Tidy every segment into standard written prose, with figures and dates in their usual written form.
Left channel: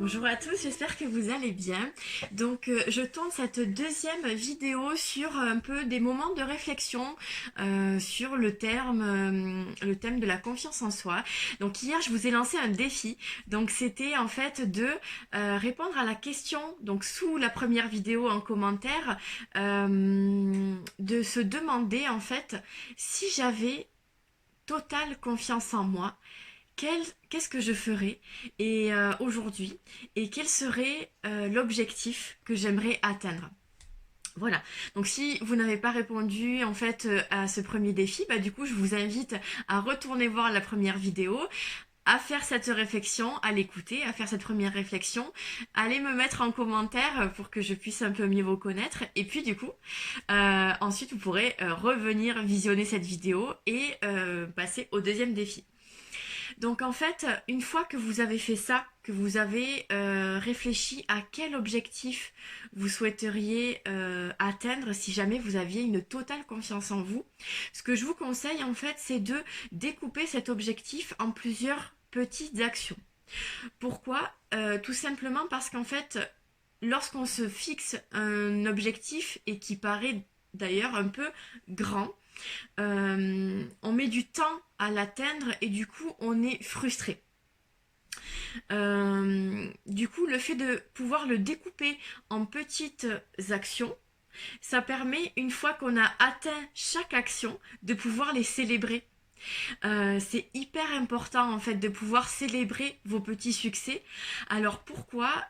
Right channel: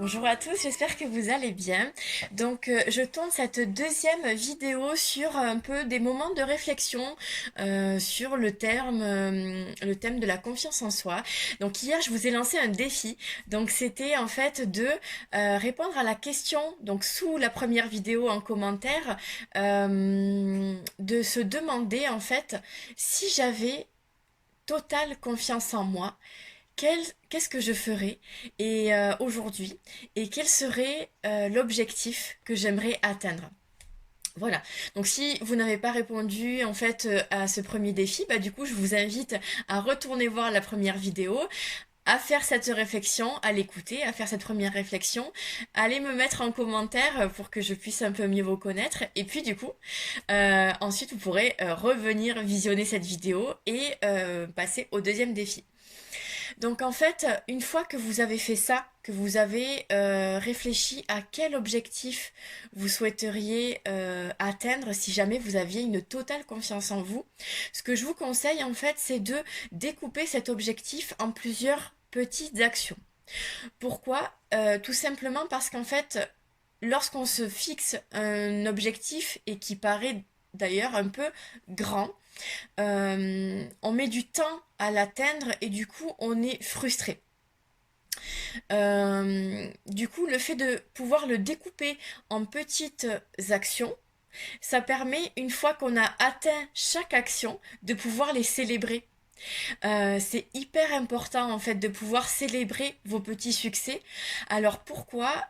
Bonjour à tous, j'espère que vous allez bien. Je tourne cette deuxième vidéo sur un peu des moments de réflexion sur le thème de la confiance en soi. Donc hier, je vous ai lancé un défi. Donc c'était en fait de répondre à la question, donc sous la première vidéo en commentaire, de se demander en fait si j'avais totale confiance en moi, qu'est-ce que je ferais aujourd'hui et quel serait l'objectif que j'aimerais atteindre. Voilà, donc si vous n'avez pas répondu en fait à ce premier défi, bah du coup je vous invite à retourner voir la première vidéo, à faire cette réflexion, à l'écouter, à faire cette première réflexion, allez me mettre en commentaire pour que je puisse un peu mieux vous connaître. Et puis du coup, ensuite vous pourrez revenir visionner cette vidéo et passer au deuxième défi. Donc en fait, une fois que vous avez fait ça, que vous avez réfléchi à quel objectif vous souhaiteriez atteindre si jamais vous aviez une totale confiance en vous, ce que je vous conseille en fait, c'est de découper cet objectif en plusieurs petites actions. Pourquoi Tout simplement parce qu'en fait, lorsqu'on se fixe un objectif et qui paraît d'ailleurs un peu grand, on met du temps à l'atteindre et du coup on est frustré. Du coup, le fait de pouvoir le découper en petites actions, ça permet, une fois qu'on a atteint chaque action, de pouvoir les célébrer. C'est hyper important en fait de pouvoir célébrer vos petits succès. Alors pourquoi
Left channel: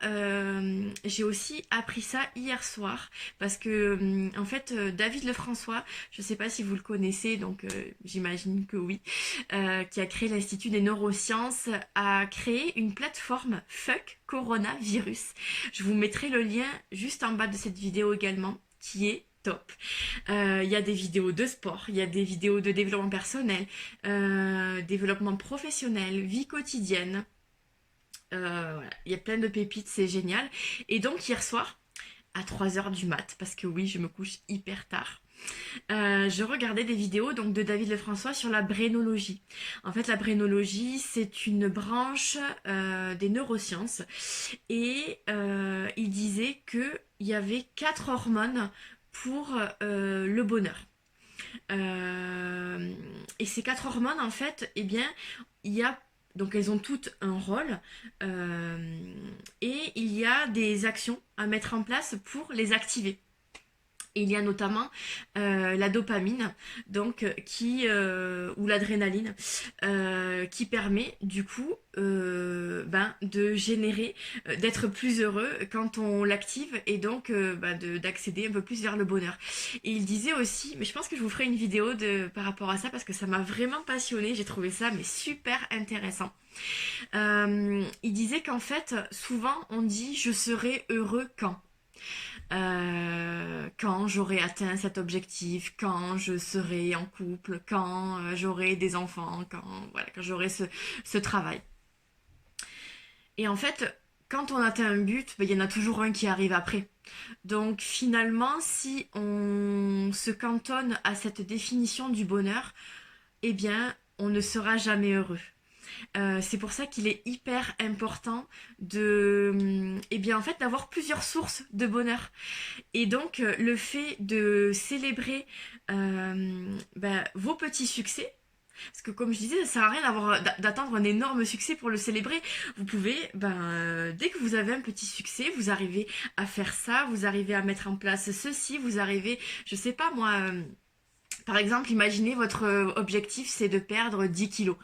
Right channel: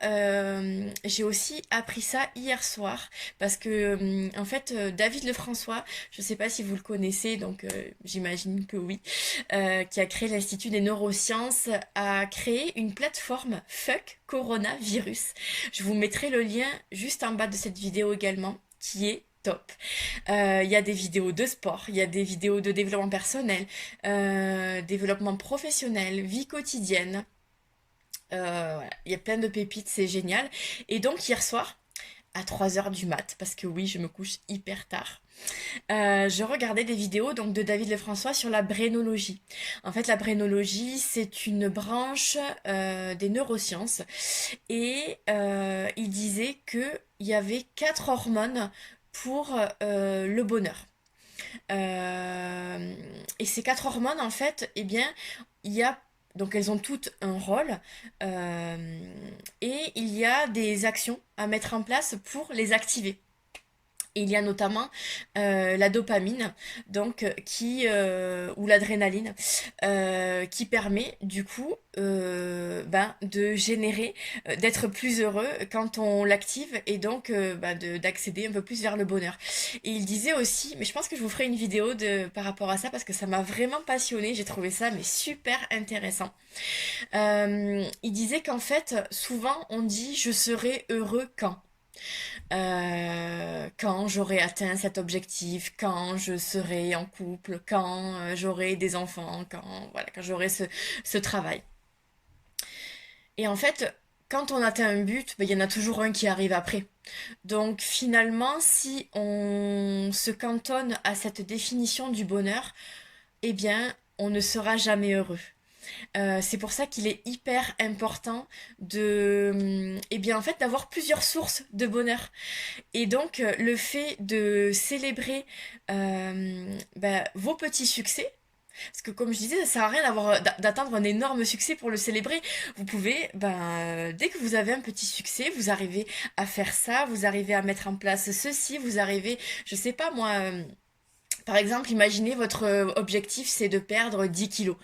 j'ai aussi appris ça hier soir parce que en fait David Lefrançois, je sais pas si vous le connaissez, donc j'imagine que oui, qui a créé l'Institut des neurosciences, a créé une plateforme Fuck Coronavirus. Je vous mettrai le lien juste en bas de cette vidéo également, qui est top. Il y a des vidéos de sport, il y a des vidéos de développement personnel, développement professionnel, vie quotidienne. Voilà. Il y a plein de pépites, c'est génial. Et donc hier soir, à 3 heures du mat, parce que oui, je me couche hyper tard, je regardais des vidéos donc de David Lefrançois sur la brénologie. En fait, la brénologie, c'est une branche des neurosciences. Et il disait qu'il y avait 4 hormones pour le bonheur. Et ces 4 hormones, en fait, eh bien, il y a donc elles ont toutes un rôle et il y a des actions à mettre en place pour les activer. Et il y a notamment la dopamine, donc ou l'adrénaline, qui permet du coup de générer, d'être plus heureux quand on l'active et donc d'accéder un peu plus vers le bonheur. Et il disait aussi, mais je pense que je vous ferai une vidéo par rapport à ça parce que ça m'a vraiment passionnée, j'ai trouvé ça mais super intéressant. Il disait qu'en fait, souvent on dit je serai heureux quand j'aurai atteint cet objectif, quand je serai en couple, quand j'aurai des enfants, quand j'aurai ce travail. Et en fait, quand on atteint un but, il y en a toujours un qui arrive après. Donc finalement, si on se cantonne à cette définition du bonheur, eh bien, on ne sera jamais heureux. C'est pour ça qu'il est hyper important eh bien, en fait, d'avoir plusieurs sources de bonheur. Et donc, le fait de célébrer vos petits succès, parce que comme je disais, ça sert à rien d'attendre un énorme succès pour le célébrer. Vous pouvez, dès que vous avez un petit succès, vous arrivez à faire ça, vous arrivez à mettre en place ceci, vous arrivez, je sais pas moi, par exemple, imaginez votre objectif, c'est de perdre 10 kilos.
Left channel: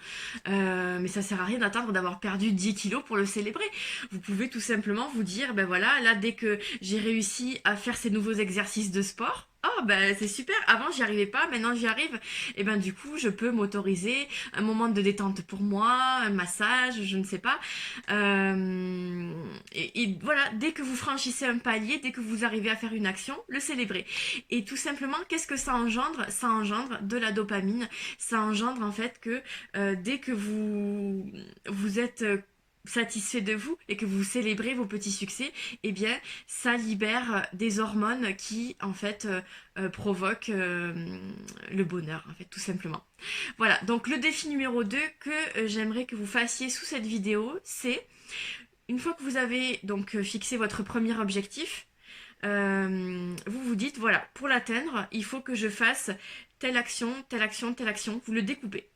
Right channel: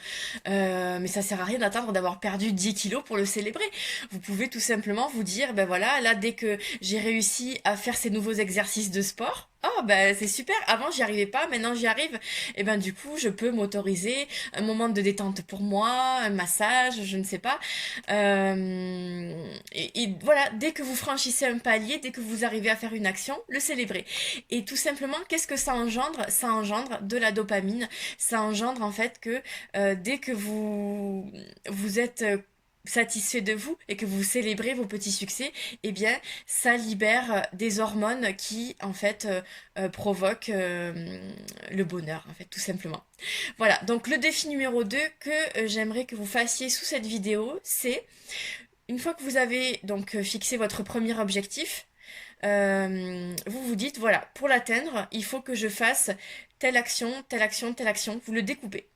Mais ça sert à rien d'attendre d'avoir perdu 10 kilos pour le célébrer. Vous pouvez tout simplement vous dire, ben voilà, là, dès que j'ai réussi à faire ces nouveaux exercices de sport, oh ben c'est super, avant j'y arrivais pas, maintenant j'y arrive. Et ben du coup, je peux m'autoriser un moment de détente pour moi, un massage, je ne sais pas. Et voilà, dès que vous franchissez un palier, dès que vous arrivez à faire une action, le célébrez. Et tout simplement, qu'est-ce que ça engendre? Ça engendre de la dopamine. Ça engendre en fait que dès que vous êtes satisfait de vous et que vous célébrez vos petits succès, eh bien, ça libère des hormones qui, en fait, provoquent le bonheur, en fait, tout simplement. Voilà, donc le défi numéro 2 que j'aimerais que vous fassiez sous cette vidéo, c'est une fois que vous avez donc fixé votre premier objectif, vous vous dites, voilà, pour l'atteindre, il faut que je fasse telle action, telle action, telle action. Vous le découpez.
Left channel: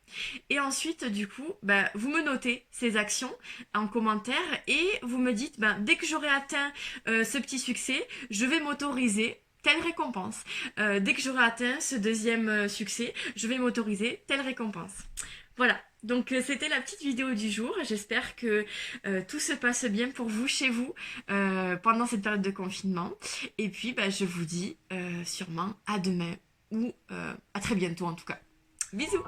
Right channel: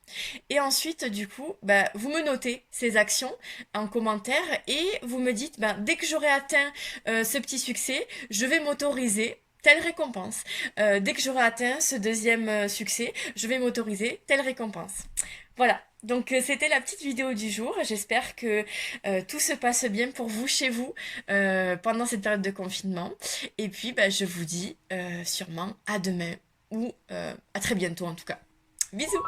Et ensuite, du coup, bah, vous me notez ces actions en commentaire et vous me dites, bah, dès que j'aurai atteint ce petit succès, je vais m'autoriser telle récompense. Dès que j'aurai atteint ce deuxième succès, je vais m'autoriser telle récompense. Voilà, donc c'était la petite vidéo du jour. J'espère que tout se passe bien pour vous chez vous pendant cette période de confinement. Et puis bah, je vous dis sûrement à demain ou à très bientôt en tout cas. Bisous!